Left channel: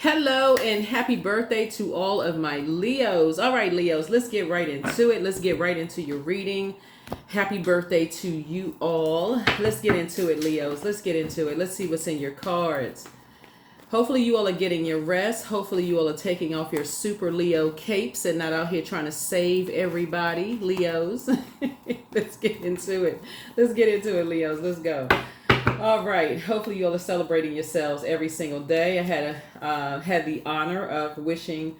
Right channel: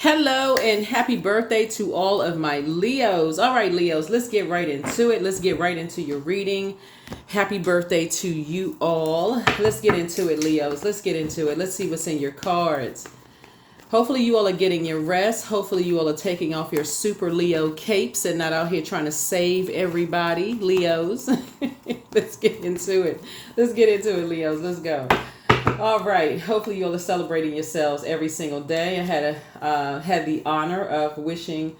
Hello and happy birthday to all of my Leos. All right, Leos, let's get right into it. Let's get right into your reading. Happy birthday to you all. Let's get into it, Leos. Let's get into it. Let's see what's in your cards. Hopefully, you all are getting your rest. Hopefully, you all are taking off your super Leo capes and not out here trying to save everybody, Leos. Let's get into it. Let's get into it, Leos. Let's go. All right. Hopefully, you all are celebrating yourselves every single day. I had the honor of wishing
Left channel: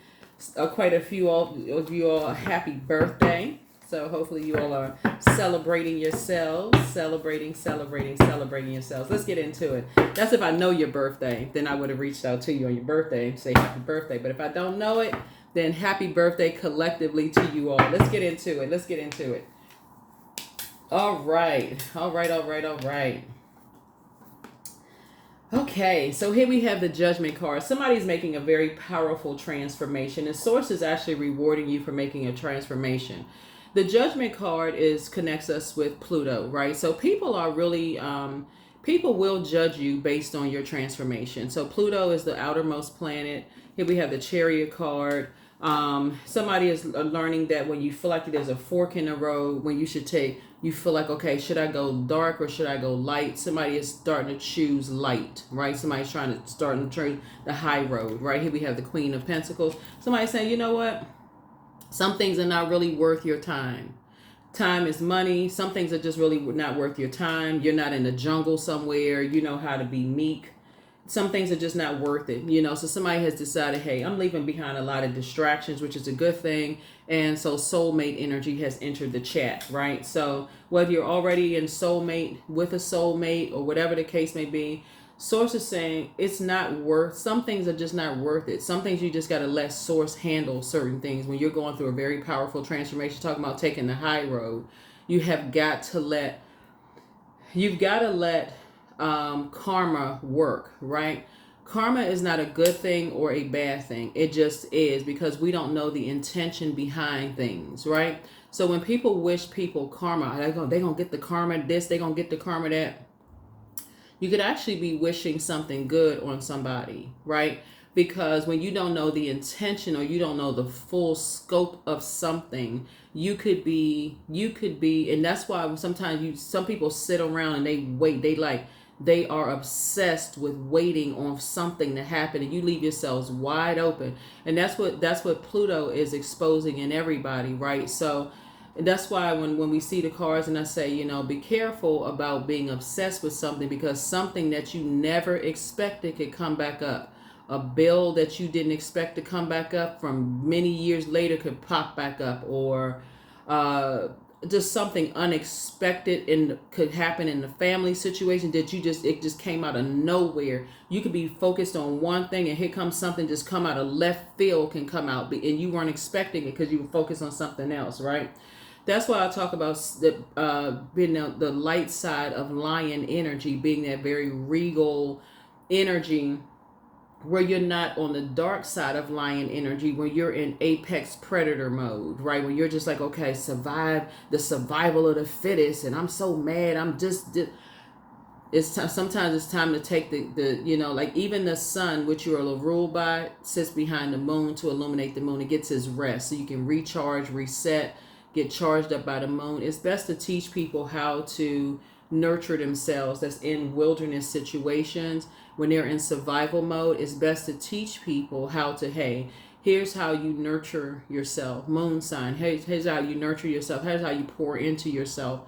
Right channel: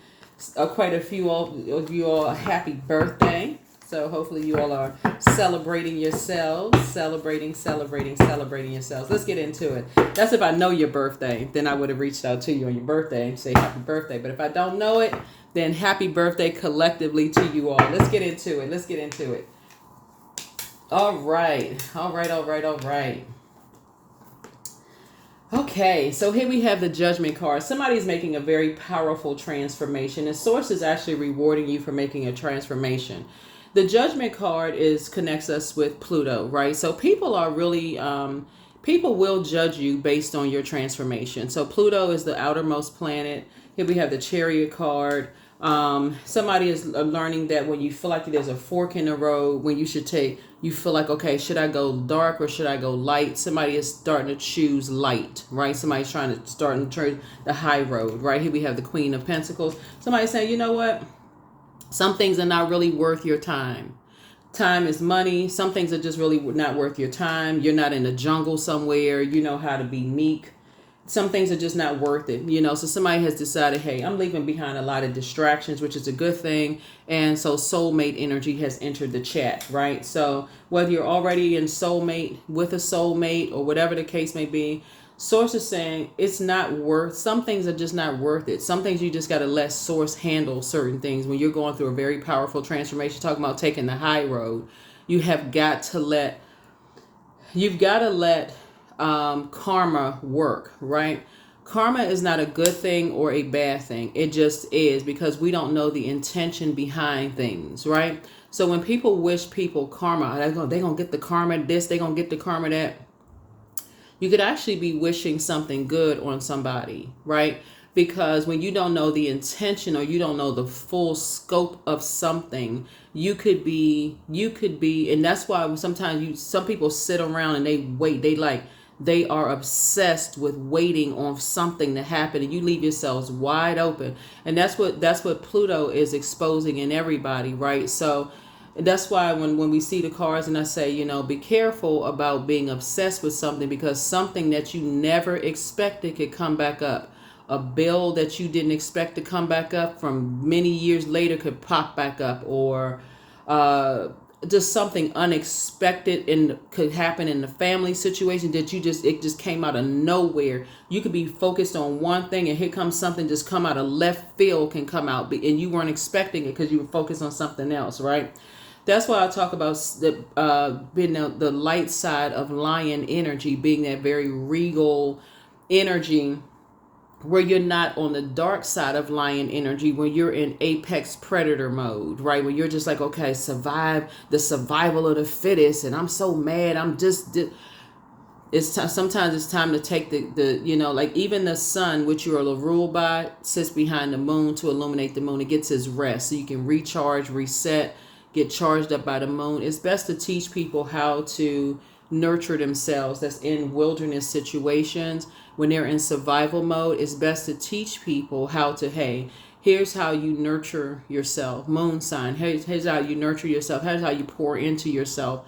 quite a few of you all a happy birthday. So hopefully you all are celebrating yourselves, celebrating yourselves. Let's get into it. That's if I know your birthday, then I would have reached out to you on your birthday and say happy birthday. But if I don't know it, then happy birthday collectively to you all. Let's get into it. Let's get into it. All right. Okay, so here we have the Judgment card. Somebody's making a very powerful transformation, and Source is actually rewarding you for making a transformation. The Judgment card connects us with Pluto, right? So people are really people will judge you based on your transformation. So Pluto is the outermost planet. Here we have the Chariot card. Somebody is learning that when you feel like there's a fork in the road, when you feel like, okay, should I go dark or should I go light? Somebody is starting to choose light, right? Somebody's trying to start to turn the high road, right? Here we have the Queen of Pentacles. Somebody's saying, you know what? Some things are not really worth your time. Time is money. Some things are just really not worth your time. You're not in the jungle somewhere. You know how to be meek. Some things are just not worth it, so somebody has decided, hey, I'm leaving behind a lot of distractions, which is a good thing. And so soulmate energy has entered the chat, right? So whether you're already in soulmate with a soulmate or whatever the case may be, Source is saying it's not worth, some things are just not worth it. Some things you just got to let Source handle certain things. When you're going through a very powerful transformation, talking about taking the high road, you've got to let karma work, right? Karma is not a good thing or a bad thing. It just is, because we don't know the intention behind things, right? So when people wish people karma, they're going to get the karma this, they're going to get the karma that. You could actually be wishing something good on somebody, right? Because when you don't know the intention or you don't know the full scope of something, you could be, and that's why sometimes some people sit around and they wait. They are obsessed with waiting on something to happen, and you leave yourselves wide open. And that's what Pluto is exposing in everybody, right? So that's why when we see the cards and I say, be careful about being obsessed with something, because something that you never expected could come back up. A bill that you didn't expect to come back up from many years later could pop back up, or just something unexpected could happen in the family situation that it just came out of nowhere. You could be focused on one thing and here comes something just come out of left field, can come out, and you weren't expecting it because you were focused on something else, right? That's why I talk about being the light side of lion energy, being that very regal energy, where you're not on the dark side of lion energy, when you're in apex predator mode, right? When you're just like, okay, the survival of the fittest, and I'm so mad, sometimes it's time to take like even the sun, which you are ruled by, sits behind the moon to illuminate the moon. It gets its rest so you can recharge, reset, get charged up by the moon. It's best to teach people how to nurture themselves that's in wilderness situations. When they're in survival mode, it's best to teach people how to, hey, here's how you nurture yourself. Moon sign, here's how you nurture yourself. Here's how you pour into yourself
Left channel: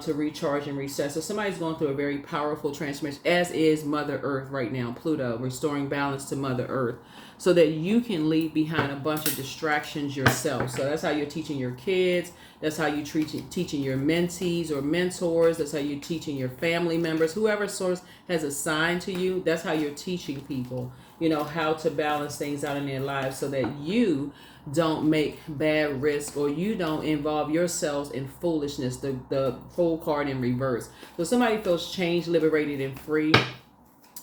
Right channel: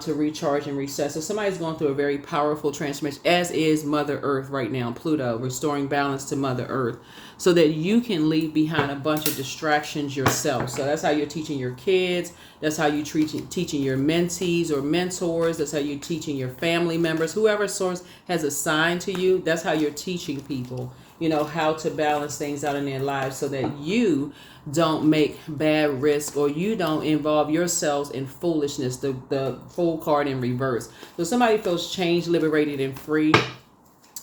to recharge and reset. So somebody's going through a very powerful transformation, as is Mother Earth right now, Pluto, restoring balance to Mother Earth, so that you can leave behind a bunch of distractions yourself. So that's how you're teaching your kids. That's how you're teaching your mentees or mentors. That's how you're teaching your family members. Whoever Source has assigned to you, that's how you're teaching people, how to balance things out in their lives, so that you don't make bad risk, or you don't involve yourselves in foolishness. The Fool card in reverse. So somebody feels changed, liberated, and free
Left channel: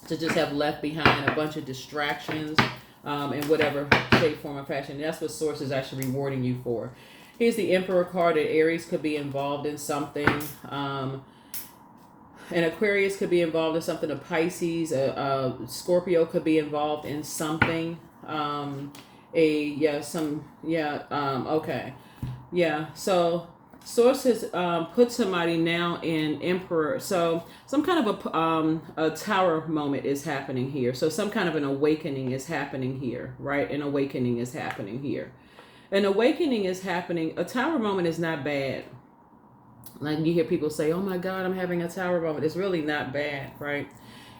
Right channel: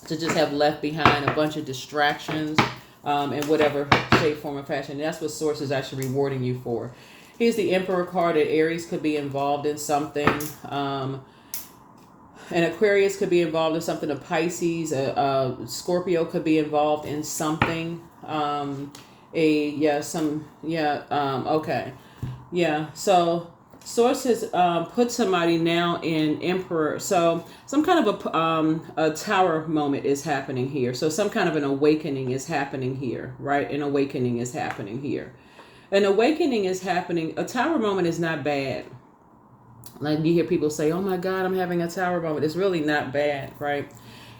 to just have left behind a bunch of distractions in whatever shape, form, or fashion. And that's what Source is actually rewarding you for. Here's the Emperor card. That Aries could be involved in something. An Aquarius could be involved in something. A Pisces, a Scorpio could be involved in something. Okay, yeah. So Source has put somebody now in Emperor. So some kind of a tower moment is happening here. So some kind of an awakening is happening here, right? An awakening is happening here. An awakening is happening. A tower moment is not bad. Like you hear people say, "Oh my God, I'm having a tower moment." It's really not bad, right?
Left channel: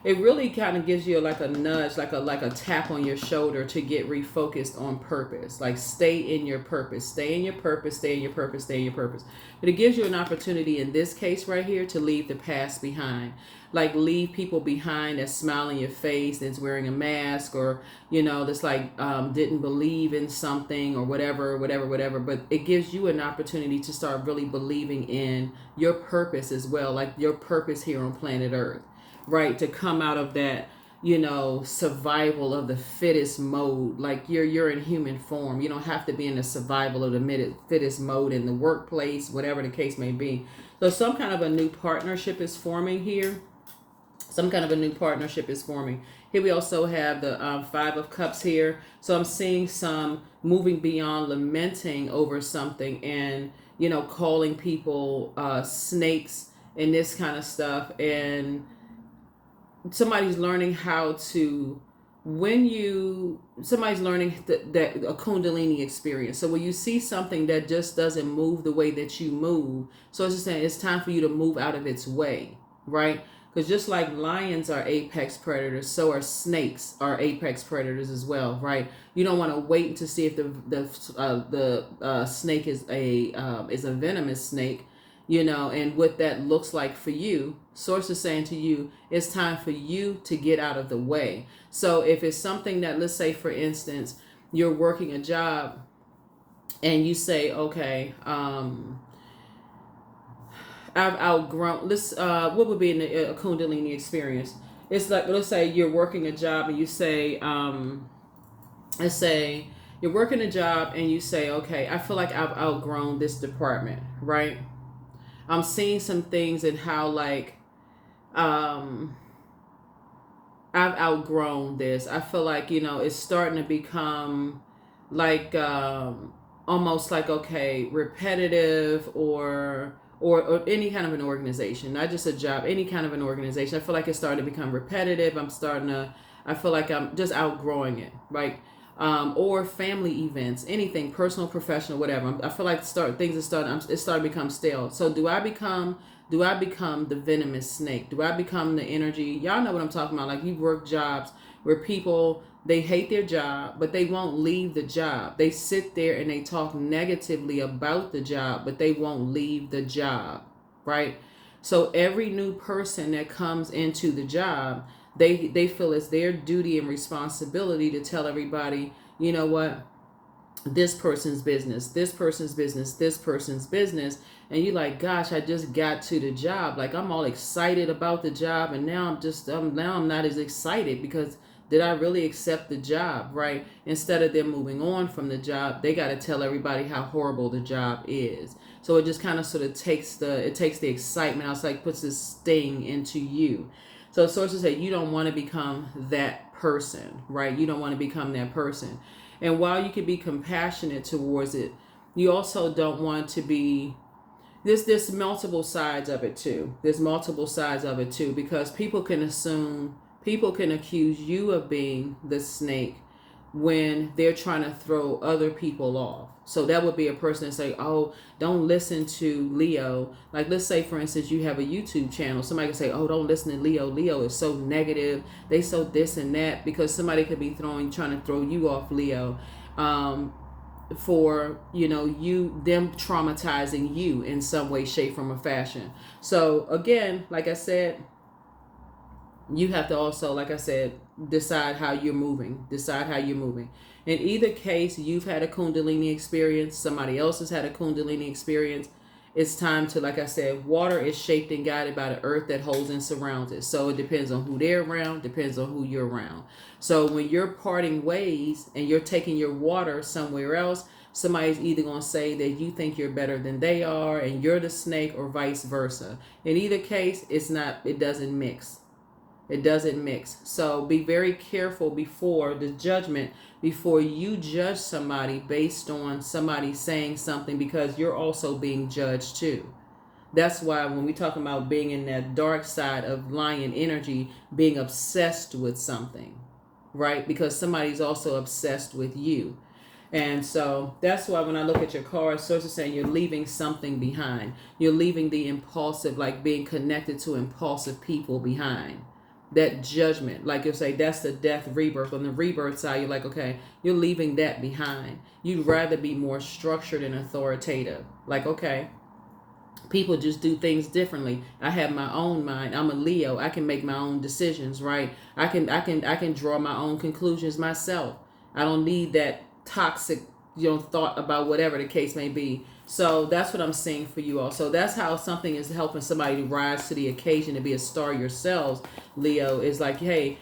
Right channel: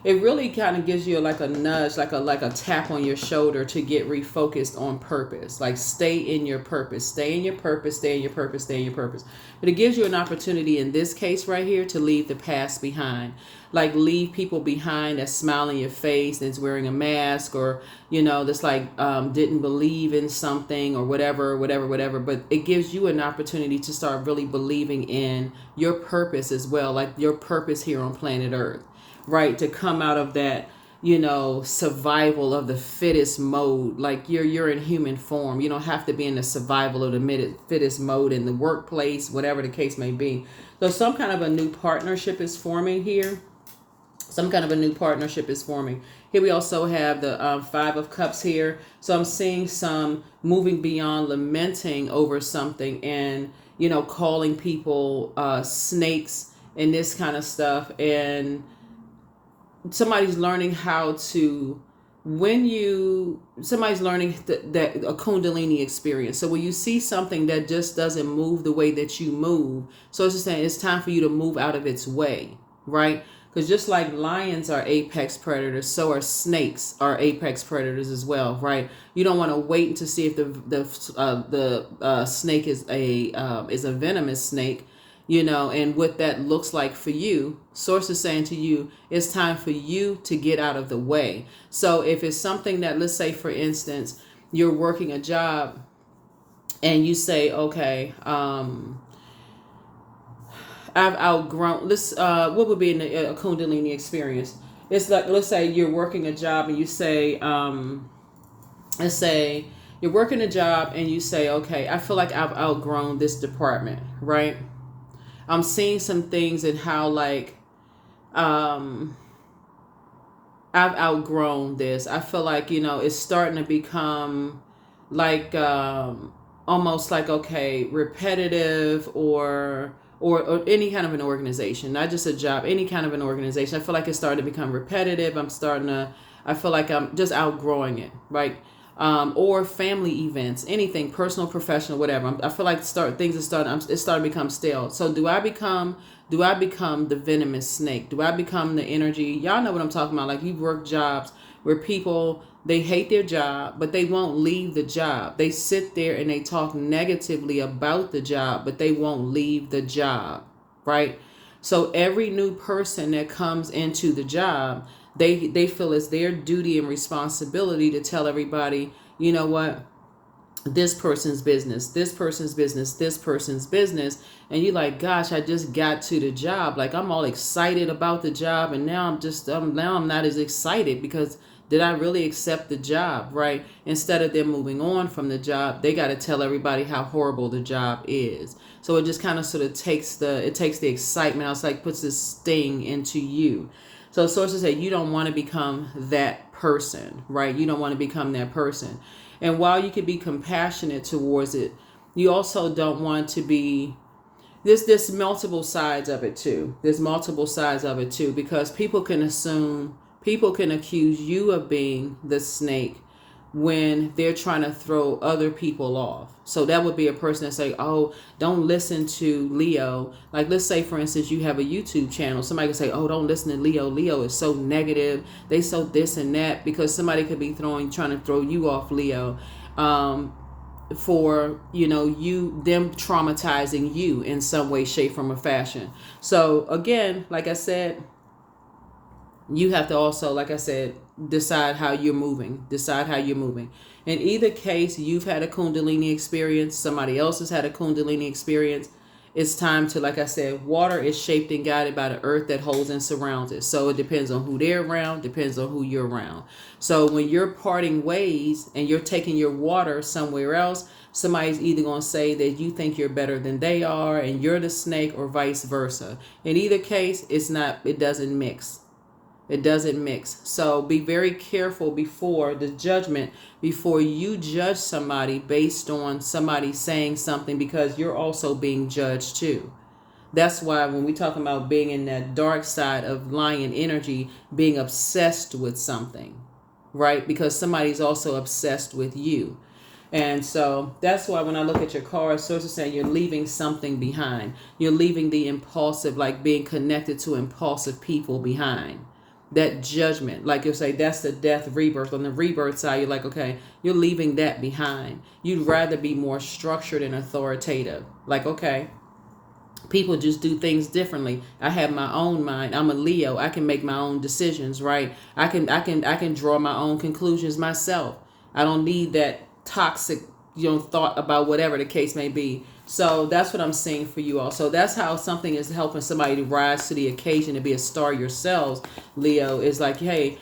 It really kind of gives you like a nudge, like a tap on your shoulder to get refocused on purpose. Like stay in your purpose, stay in your purpose, stay in your purpose, stay in your purpose. But it gives you an opportunity in this case right here to leave the past behind. Like leave people behind that smile in your face, that's wearing a mask, or that's like didn't believe in something or whatever. But it gives you an opportunity to start really believing in your purpose as well, like your purpose here on planet Earth. Right, to come out of that, survival of the fittest mode. Like you're in human form. You don't have to be in the survival of the fittest mode in the workplace, whatever the case may be. So some kind of a new partnership is forming here. Some kind of a new partnership is forming. Here we also have the Five of Cups here. So I'm seeing some moving beyond lamenting over something and, calling people snakes and this kind of stuff. And somebody's learning how to, somebody's learning that a Kundalini experience. So when you see something that just doesn't move the way that you move, so it's just saying it's time for you to move out of its way, right? Because just like lions are apex predators, so are snakes are apex predators as well, right? You don't want to wait to see if the snake is a venomous snake, and what that looks like for you. Source is saying to you, it's time for you to get out of the way. So if it's something that, let's say, for instance, you're working a job and you say, okay, I've outgrown this. What would be a Kundalini experience? It's like, let's say you're working a job and you say, let's say you're working a job and you say, okay, I feel like I've outgrown this department, right? I'm seeing some things in how like I've outgrown this. I feel like, it's starting to become like almost like, okay, repetitive or any kind of an organization, not just a job, any kind of an organization. I feel like it's starting to become repetitive. I feel like I'm just outgrowing it, right? Or family events, anything, personal, professional, whatever. I feel like it's starting to become stale. So do I become the venomous snake? Do I become the energy? Y'all know what I'm talking about. Like you've worked jobs where people, they hate their job, but they won't leave the job. They sit there and they talk negatively about the job, but they won't leave the job, right? So every new person that comes into the job, they feel it's their duty and responsibility to tell everybody, you know what, this person's business, this person's business, this person's business. And you're like, gosh, I just got to the job. Like I'm all excited about the job. And now I'm not as excited because did I really accept the job, right? Instead of them moving on from the job, they got to tell everybody how horrible the job is. So it just kind of sort of takes the excitement. It's like puts this sting into you. So sources say you don't want to become that person, right? You don't want to become that person. And while you can be compassionate towards it, you also don't want to be, there's multiple sides of it too. There's multiple sides of it too, because people can accuse you of being the snake when they're trying to throw other people off. So that would be a person that say, oh, don't listen to Leo. Like let's say, for instance, you have a YouTube channel. Somebody can say, oh, don't listen to Leo. Leo is so negative. They so this and that, because somebody could be trying to throw you off, Leo, for, them traumatizing you in some way, shape, form, or fashion. So again, like I said, you have to also, like I said, decide how you're moving. In either case, you've had a Kundalini experience. Somebody else has had a Kundalini experience. It's time to, like I said, water is shaped and guided by the earth that holds and surrounds it. So it depends on who they're around, depends on who you're around. So when you're parting ways and you're taking your water somewhere else, Somebody's either going to say that you think you're better than they are and you're the snake, or vice versa. In either case, it doesn't mix. It doesn't mix. So be very careful before the judgment, before you judge somebody based on somebody saying something, because you're also being judged too. That's why when we talk about being in that dark side of lion energy, being obsessed with something, right? Because somebody's also obsessed with you. And so that's why when I look at your cards, source is saying you're leaving something behind. You're leaving the impulsive, like being connected to impulsive people behind. That judgment, like you'll say, that's the death rebirth. On the rebirth side, you're like, okay, you're leaving that behind. You'd rather be more structured and authoritative. Like, okay, people just do things differently. I have my own mind. I'm a Leo. I can make my own decisions, right? I can draw my own conclusions myself. I don't need that toxic, thought about whatever the case may be. So that's what I'm seeing for you all. So that's how something is helping somebody to rise to the occasion, to be a star yourselves. Leo is like, hey,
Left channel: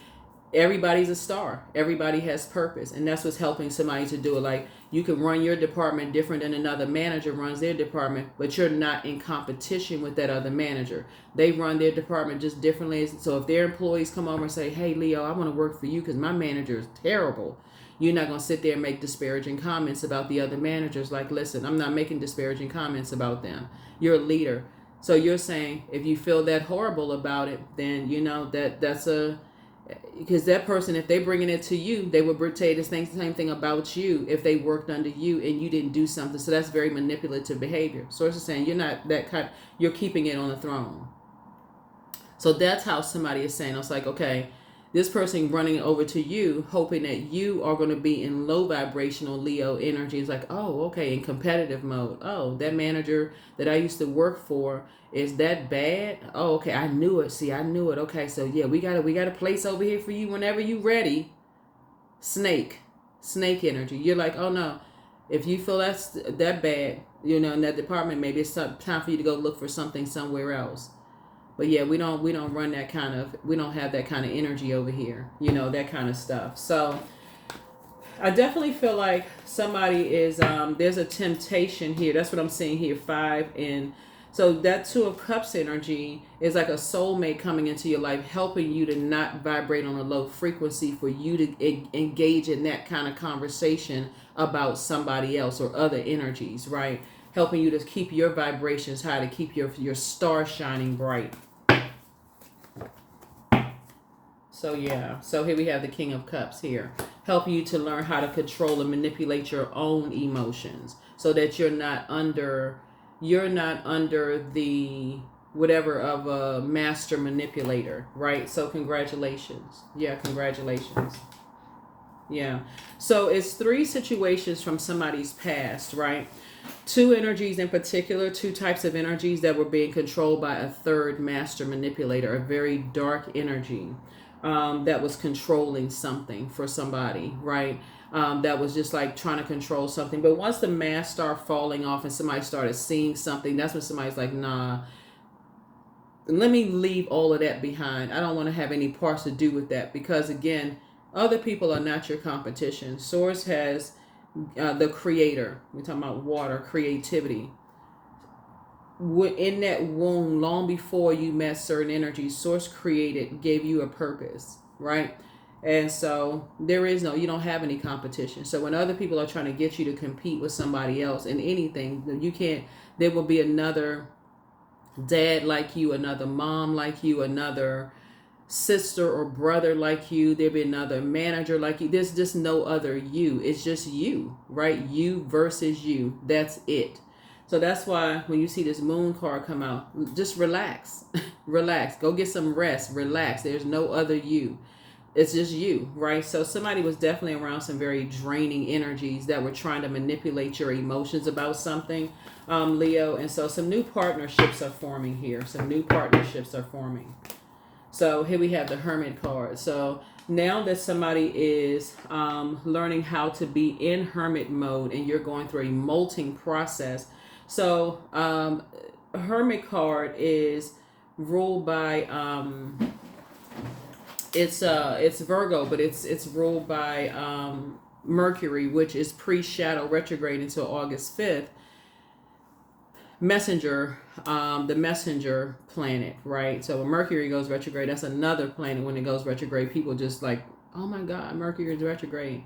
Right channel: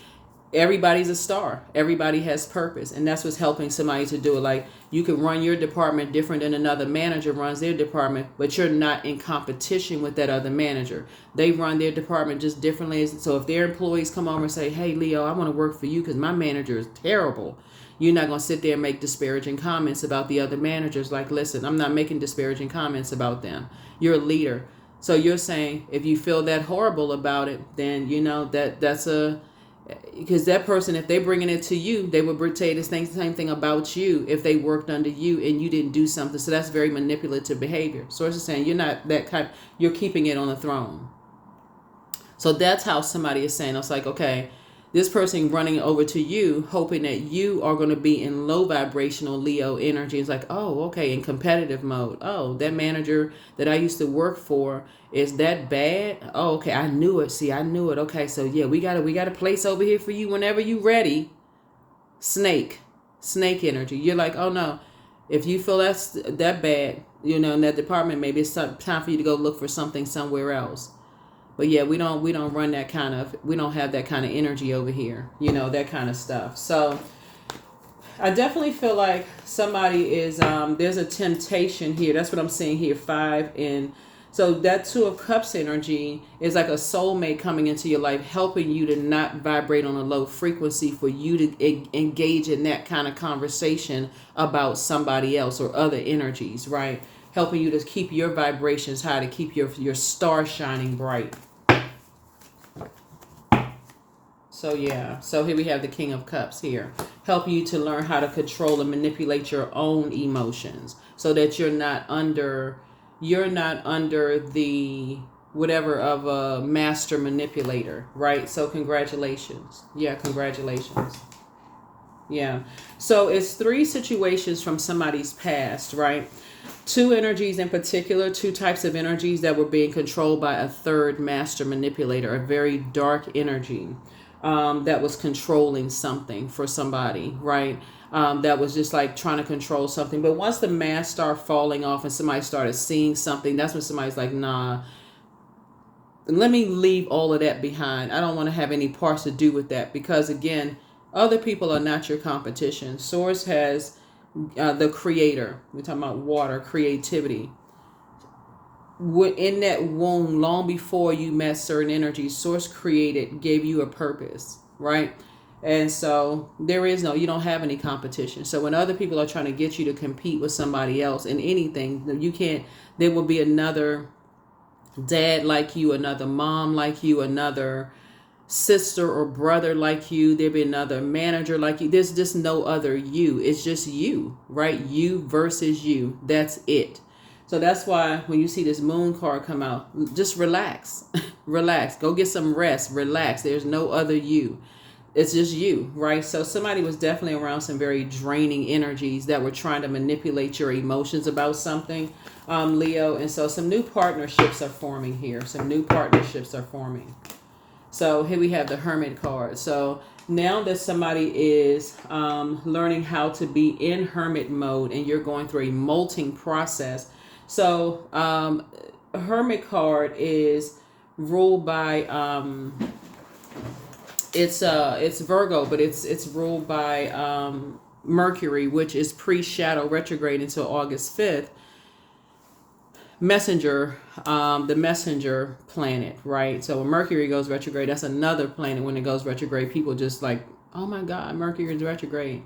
everybody's a star. Everybody has purpose. And that's what's helping somebody to do it. Like, you can run your department different than another manager runs their department, but you're not in competition with that other manager. They run their department just differently. So if their employees come over and say, hey, Leo, I want to work for you because my manager is terrible, you're not going to sit there and make disparaging comments about the other managers. Like, listen, I'm not making disparaging comments about them. You're a leader. So you're saying if you feel that horrible about it, then that's because that person, if they're bringing it to you, they would say the same thing about you if they worked under you and you didn't do something. So that's very manipulative behavior. Source is saying you're not that kind. You're keeping it on the throne. So that's how somebody is saying. It's like, okay, this person running over to you, hoping that you are going to be in low vibrational Leo energy. It's like, oh, okay, in competitive mode. Oh, that manager that I used to work for, is that bad? Oh, okay, I knew it. See, I knew it. Okay, so yeah, we got a place over here for you whenever you ready. Snake energy. You're like, oh no, if you feel that's that bad, in that department, maybe it's time for you to go look for something somewhere else. But yeah, we don't run that we don't have that kind of energy over here, that kind of stuff. So I definitely feel like somebody is, there's a temptation here. That's what I'm seeing here, 5. And so that 2 of Cups energy is like a soulmate coming into your life, helping you to not vibrate on a low frequency, for you to engage in that kind of conversation about somebody else or other energies, right? Helping you to keep your vibrations high, to keep your star shining bright. So yeah, so here we have the King of Cups here. Help you to learn how to control and manipulate your own emotions, so that you're not under the whatever of a master manipulator, right? So congratulations. Yeah, congratulations. Yeah. So it's 3 situations from somebody's past, right? 2 energies in particular, 2 types of energies that were being controlled by a third master manipulator, a very dark energy. That was controlling something for somebody, right? That was just like trying to control something. But once the mask started falling off and somebody started seeing something, that's when somebody's like, nah, let me leave all of that behind. I don't want to have any parts to do with that, because again, other people are not your competition. Source has the creator. We're talking about water, creativity. In that womb, long before you met certain energies, Source gave you a purpose, right? And so you don't have any competition. So when other people are trying to get you to compete with somebody else in anything, you can't. There will be another dad like you, another mom like you, another sister or brother like you. There'll be another manager like you. There's just no other you. It's just you, right? You versus you. That's it. So that's why when you see this moon card come out, just relax. Relax. Go get some rest. Relax. There's no other you. It's just you, right? So somebody was definitely around some very draining energies that were trying to manipulate your emotions about something, Leo. And so some new partnerships are forming here. Some new partnerships are forming. So here we have the Hermit card. So now that somebody is learning how to be in Hermit mode, and you're going through a molting process. So Hermit card is ruled by it's Virgo, but it's ruled by Mercury, which is pre-shadow retrograde until August 5th, messenger, the messenger planet, right? So when Mercury goes retrograde, that's another planet. When it goes retrograde, people just like, oh my God, Mercury is retrograde.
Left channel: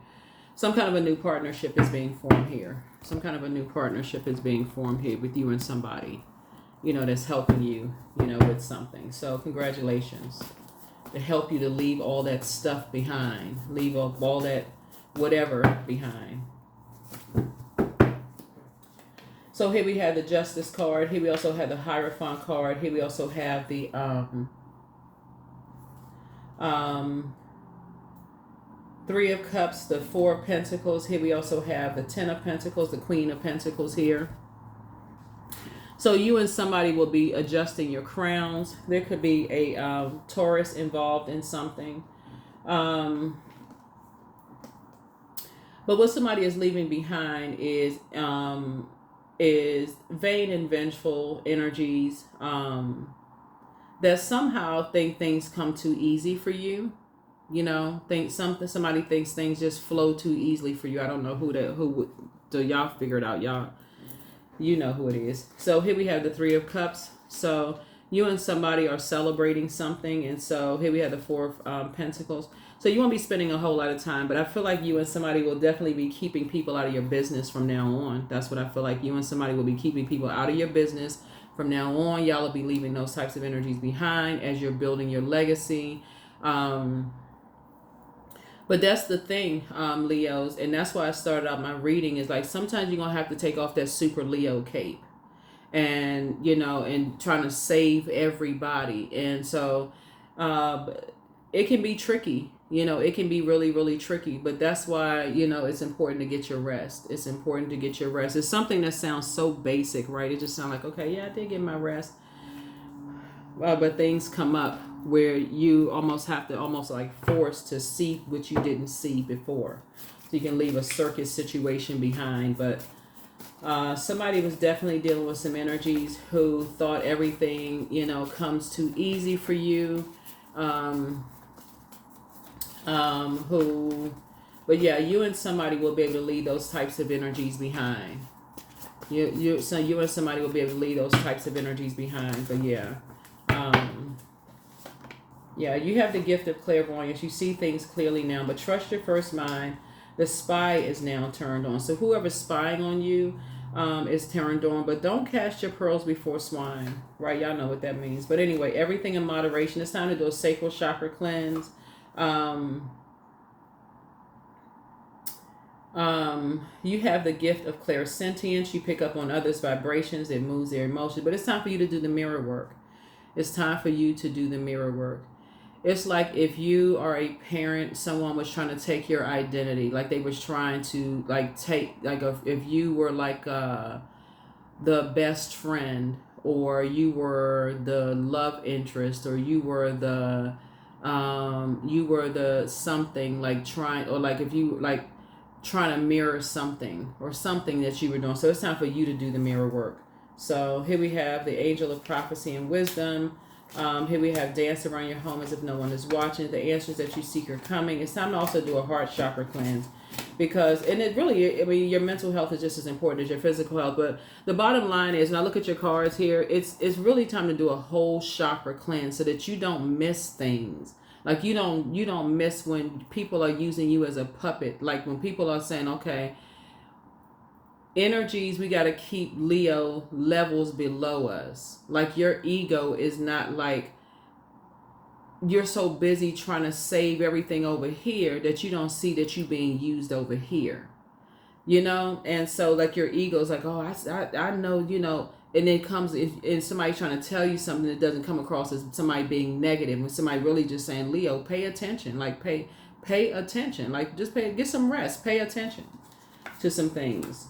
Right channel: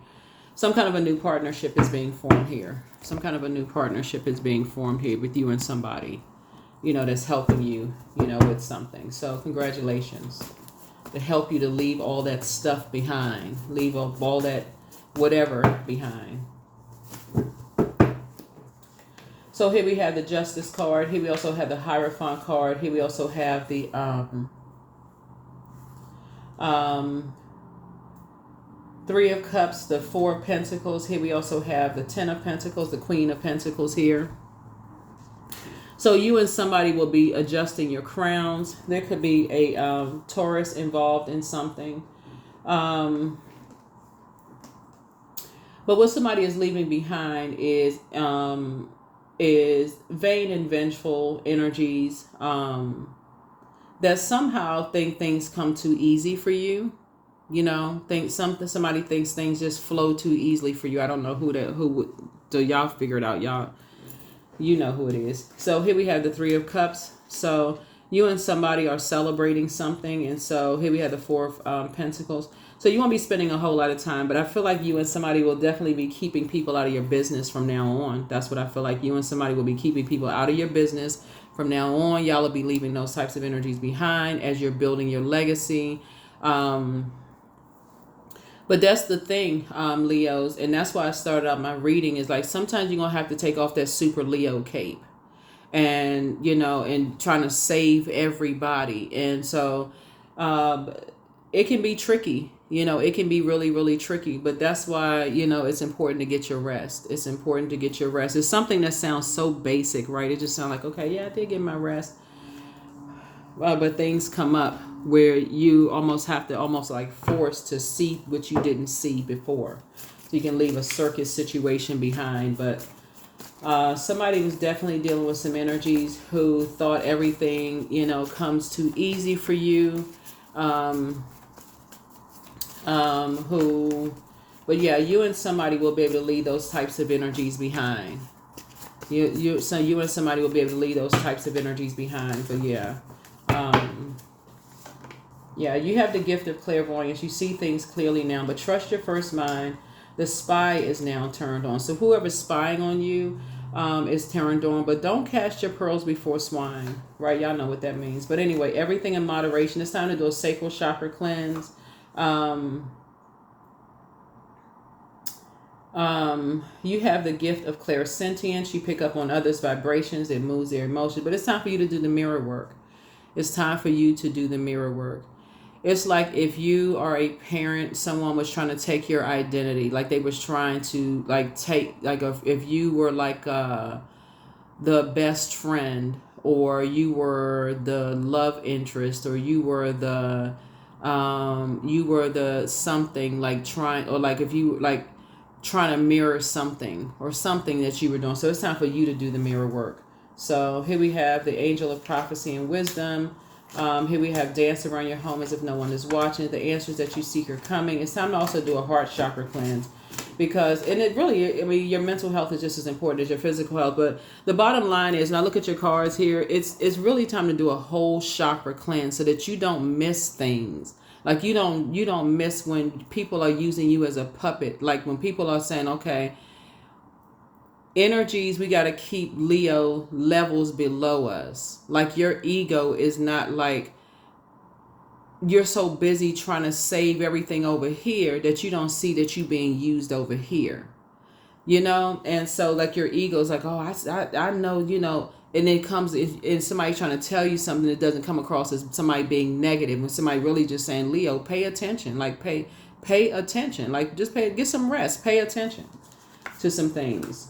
Some kind of a new partnership is being formed here. Some kind of a new partnership is being formed here with you and somebody, that's helping you, with something. So congratulations. It help you to leave all that stuff behind. Leave all that whatever behind. So here we have the Justice card. Here we also have the Hierophant card. Here we also have the Three of Cups, the Four of Pentacles. Here we also have the Ten of Pentacles, the Queen of Pentacles here. So you and somebody will be adjusting your crowns. There could be a Taurus involved in something. But what somebody is leaving behind is vain and vengeful energies that somehow think things come too easy for you. Somebody thinks things just flow too easily for you. I don't know who do y'all figure it out, y'all. You know who it is. So here we have the Three of Cups. So you and somebody are celebrating something. And so here we have the Four of Pentacles. So you won't be spending a whole lot of time, but I feel like you and somebody will definitely be keeping people out of your business from now on. That's what I feel like. You and somebody will be keeping people out of your business from now on. Y'all will be leaving those types of energies behind as you're building your legacy. But that's the thing, Leos, and that's why I started out my reading is like sometimes you're going to have to take off that super Leo cape and, and trying to save everybody. And so it can be tricky, it can be really, really tricky. But that's why, it's important to get your rest. It's important to get your rest. It's something that sounds so basic, right? It just sounds like, okay, yeah, I did get my rest. But things come up where you almost have to like force to see what you didn't see before. So you can leave a circus situation behind. But somebody was definitely dealing with some energies who thought everything, comes too easy for you. But yeah, you and somebody will be able to leave those types of energies behind. You and somebody will be able to leave those types of energies behind. But yeah. Yeah, you have the gift of clairvoyance. You see things clearly now, but trust your first mind. The spy is now turned on. So whoever's spying on you is turned on, but don't cast your pearls before swine, right? Y'all know what that means. But anyway, everything in moderation. It's time to do a sacral chakra cleanse. You have the gift of clairsentience. You pick up on others' vibrations. It moves their emotions. But it's time for you to do the mirror work. It's time for you to do the mirror work. It's like if you are a parent, someone was trying to take your identity, like they was trying to take, if you were the best friend, or you were the love interest, or you were the something, if you trying to mirror something or something that you were doing. So it's time for you to do the mirror work. So here we have the angel of prophecy and wisdom. Here we have dance around your home as if no one is watching. The answers that you seek are coming. It's time to also do a heart chakra cleanse because, and it really, your mental health is just as important as your physical health. But the bottom line is, and I look at your cards here, it's really time to do a whole chakra cleanse so that you don't miss things. Like you don't miss when people are using you as a puppet. Like when people are saying, okay, energies, we got to keep Leo levels below us. Like your ego is not like you're so busy trying to save everything over here that you don't see that you being used over here, and so like your ego's like, oh, I know, and it comes in somebody trying to tell you something that doesn't come across as somebody being negative, when somebody really just saying, Leo, pay attention, like pay attention, like just get some rest, pay attention to some things.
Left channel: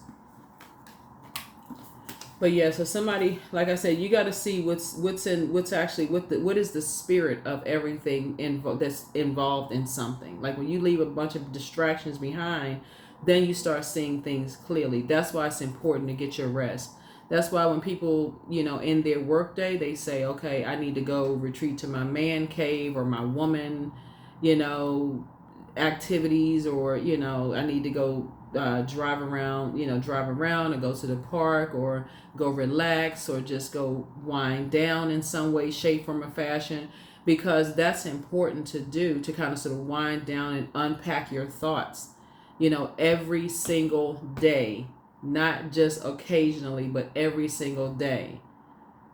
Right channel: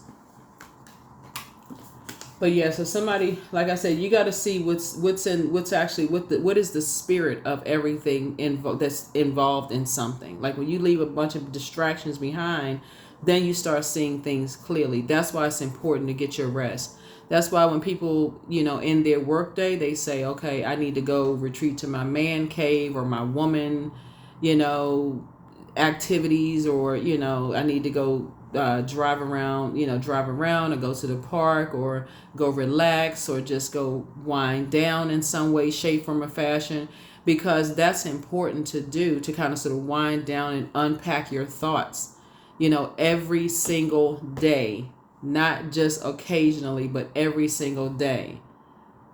But yeah, so somebody, like I said, you got to see what is the spirit of everything that's involved in something. Like when you leave a bunch of distractions behind, then you start seeing things clearly. That's why it's important to get your rest. That's why when people, in their workday, they say, okay, I need to go retreat to my man cave or my woman, activities, or I need to go drive around, or go to the park, or go relax, or just go wind down in some way, shape, form, or fashion, because that's important to do, to kind of sort of wind down and unpack your thoughts, every single day, not just occasionally, but every single day.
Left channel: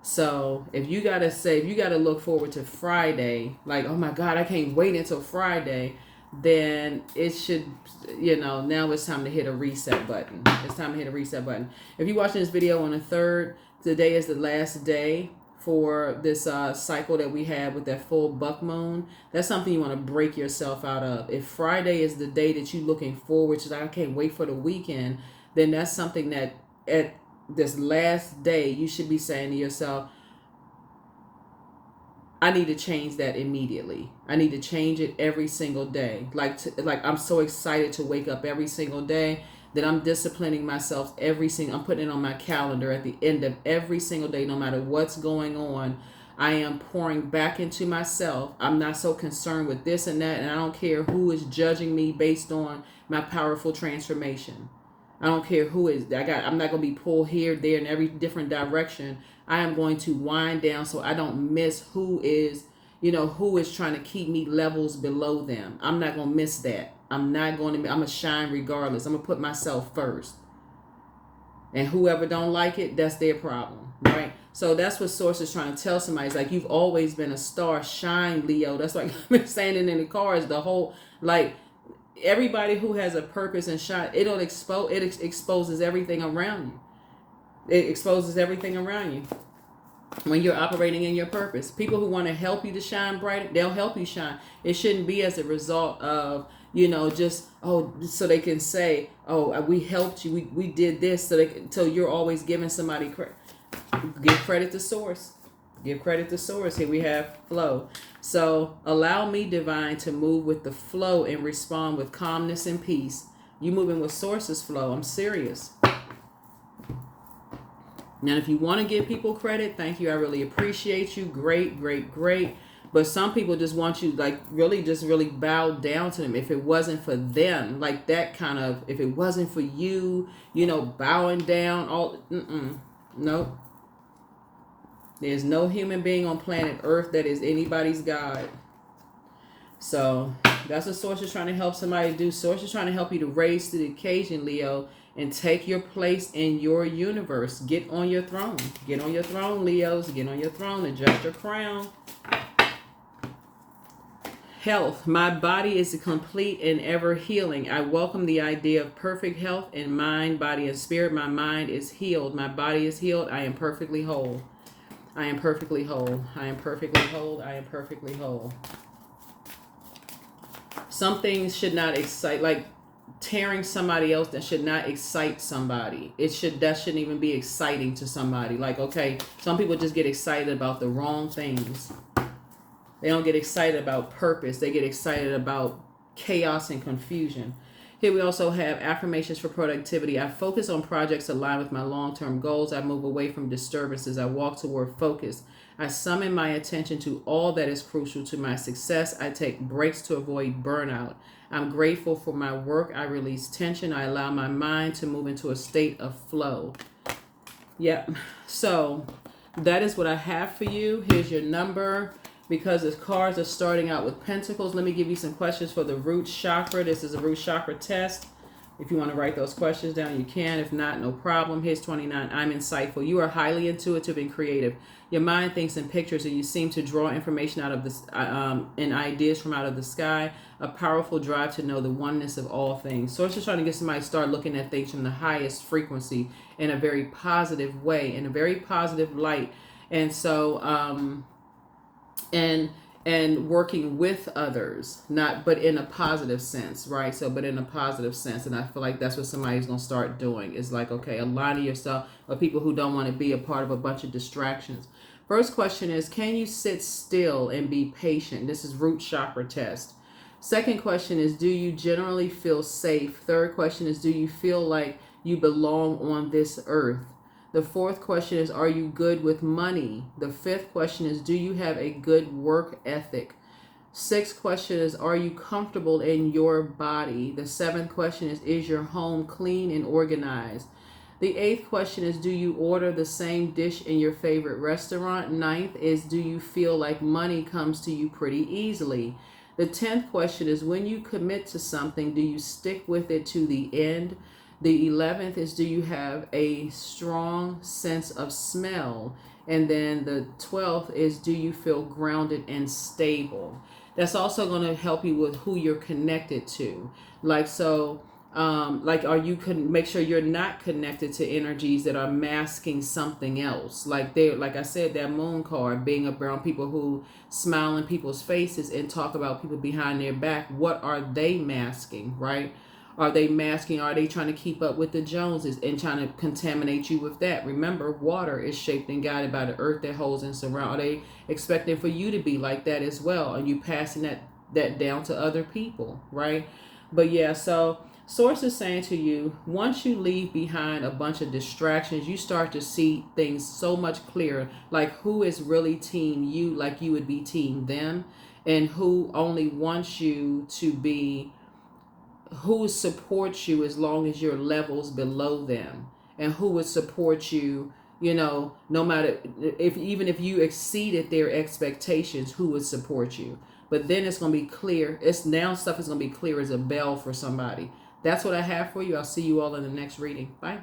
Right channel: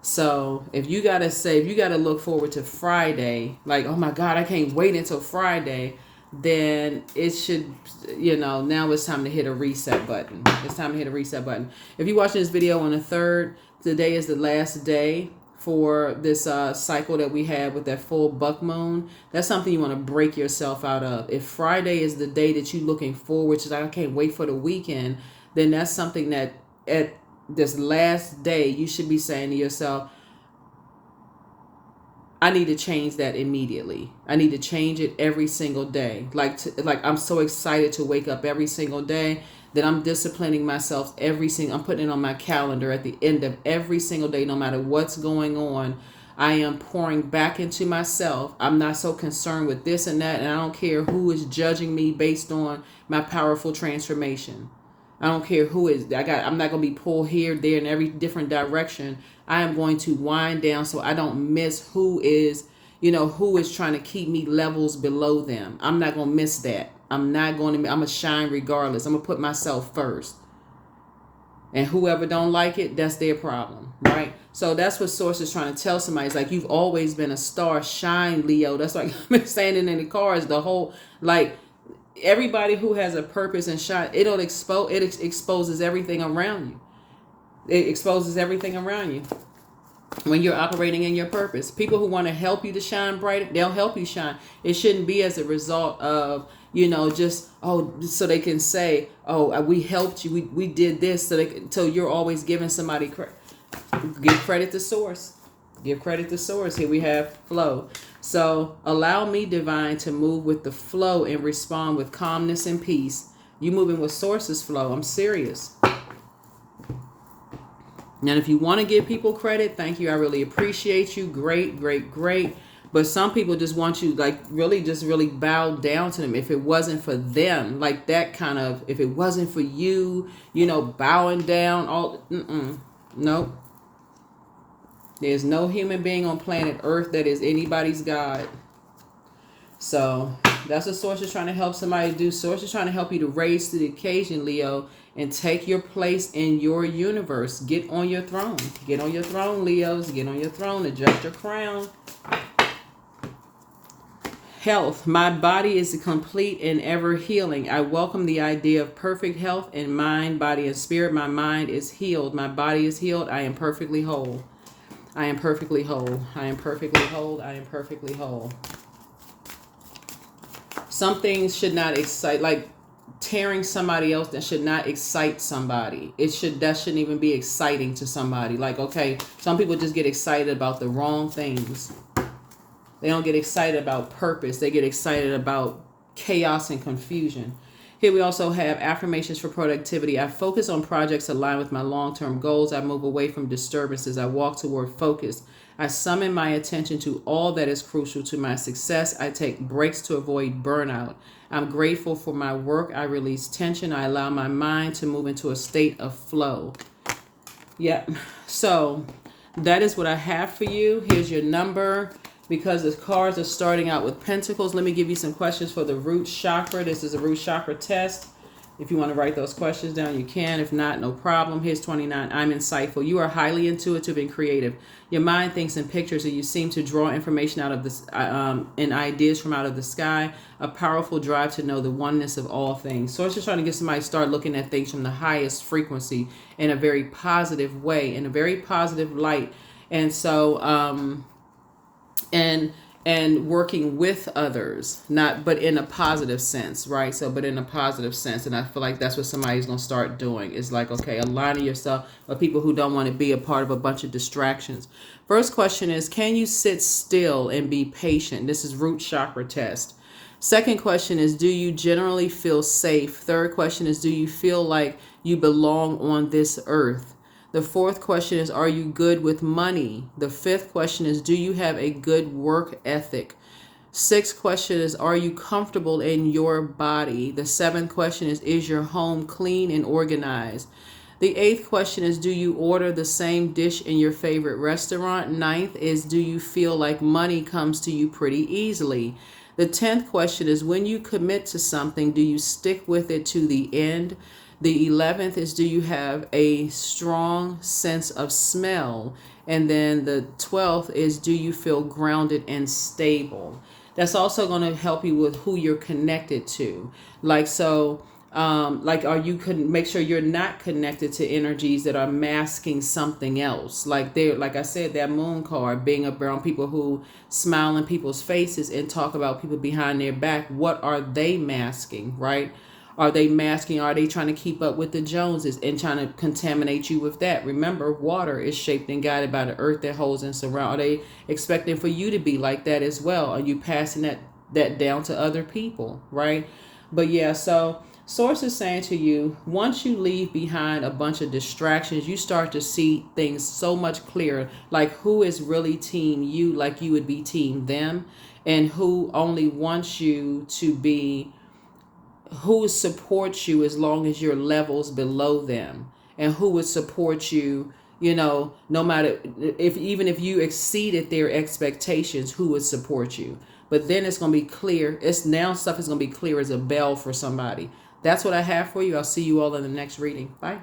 So if you got to look forward to Friday, like, oh my God, I can't wait until Friday, then it should, now it's time to hit a reset button. It's time to hit a reset button. If you're watching this video on the 3rd, today is the last day for this cycle that we have with that full buck moon. That's something you want to break yourself out of. If Friday is the day that you're looking forward to, like, I can't wait for the weekend, then that's something that at this last day you should be saying to yourself, I need to change that immediately. I need to change it every single day. Like I'm so excited to wake up every single day that I'm disciplining myself I'm putting it on my calendar at the end of every single day, no matter what's going on. I am pouring back into myself. I'm not so concerned with this and that, and I don't care who is judging me based on my powerful transformation. I don't care who is. I'm not going to be pulled here, there, in every different direction. I am going to wind down so I don't miss who is trying to keep me levels below them. I'm not going to miss that. I'm going to shine regardless. I'm going to put myself first. And whoever don't like it, that's their problem, right? So that's what Source is trying to tell somebody. It's like, you've always been a star. Shine, Leo. That's like I've been standing in the cars the whole, like, everybody who has a purpose and shine, it exposes everything around you. It exposes everything around you when you're operating in your purpose. People who want to help you to shine brighter, they'll help you shine. It shouldn't be as a result of, just, so they can say, we helped you, we did this, so you're always giving somebody credit. Give credit to Source. Give credit to Source. Here we have flow. So allow me, divine, to move with the flow and respond with calmness and peace. You moving with Source's flow. I'm serious. Now, if you want to give people credit, thank you. I really appreciate you. Great, great, great. But some people just want you, like, really bow down to them. If it wasn't for them, like that kind of, if it wasn't for you, bowing down, nope. There's no human being on planet Earth that is anybody's God. So that's what Source is trying to help somebody do. Source is trying to help you to raise to the occasion, Leo, and take your place in your universe. Get on your throne. Get on your throne, Leos. Get on your throne. Adjust your crown. Health. My body is complete and ever healing. I welcome the idea of perfect health in mind, body, and spirit. My mind is healed. My body is healed. I am perfectly whole. I am perfectly whole. I am perfectly whole. I am perfectly whole. Some things should not excite, like tearing somebody else, that should not excite somebody. That shouldn't even be exciting to somebody. Like, okay, some people just get excited about the wrong things. They don't get excited about purpose. They get excited about chaos and confusion. Here we also have affirmations for productivity. I focus on projects aligned with my long-term goals. I move away from disturbances. I walk toward focus. I summon my attention to all that is crucial to my success. I take breaks to avoid burnout. I'm grateful for my work. I release tension. I allow my mind to move into a state of flow. Yep. So that is what I have for you. Here's your number. Because the cards are starting out with pentacles, let me give you some questions for the root chakra. This is a root chakra test. If you want to write those questions down, you can. If not, no problem. Here's 29. I'm insightful. You are highly intuitive and creative. Your mind thinks in pictures, and you seem to draw information out of this and ideas from out of the sky. A powerful drive to know the oneness of all things. Source is trying to get somebody to start looking at things from the highest frequency in a very positive way, in a very positive light. And so, and working with others, but in a positive sense, right? So, but in a positive sense. And I feel like that's what somebody's going to start doing. It's like, okay, aligning yourself with people who don't want to be a part of a bunch of distractions. First question is, can you sit still and be patient? This is root chakra test. Second question is, do you generally feel safe? Third question is, do you feel like you belong on this earth? The fourth question is, are you good with money? The fifth question is, do you have a good work ethic? Sixth question is, are you comfortable in your body? The seventh question is your home clean and organized? The eighth question is, do you order the same dish in your favorite restaurant? Ninth is, do you feel like money comes to you pretty easily? The 10th question is, when you commit to something, do you stick with it to the end? The 11th is, do you have a strong sense of smell? And then the 12th is, do you feel grounded and stable? That's also going to help you with who you're connected to. Like, are you can make sure you're not connected to energies that are masking something else. Like I said, that moon card, being around people who smile in people's faces and talk about people behind their back. What are they masking, right? Are they masking? Are they trying to keep up with the Joneses and trying to contaminate you with that? Remember, water is shaped and guided by the earth that holds and surrounds. Are they expecting for you to be like that as well? Are you passing that down to other people, right? But yeah, so Source is saying to you, once you leave behind a bunch of distractions, you start to see things so much clearer, like who is really team you, like you would be team them, and who only wants you to be, who supports you as long as your levels below them, and who would support you, no matter if you exceeded their expectations, who would support you. But then it's going to be clear. It's now stuff is going to be clear as a bell for somebody. That's what I have for you. I'll see you all in the next reading. Bye.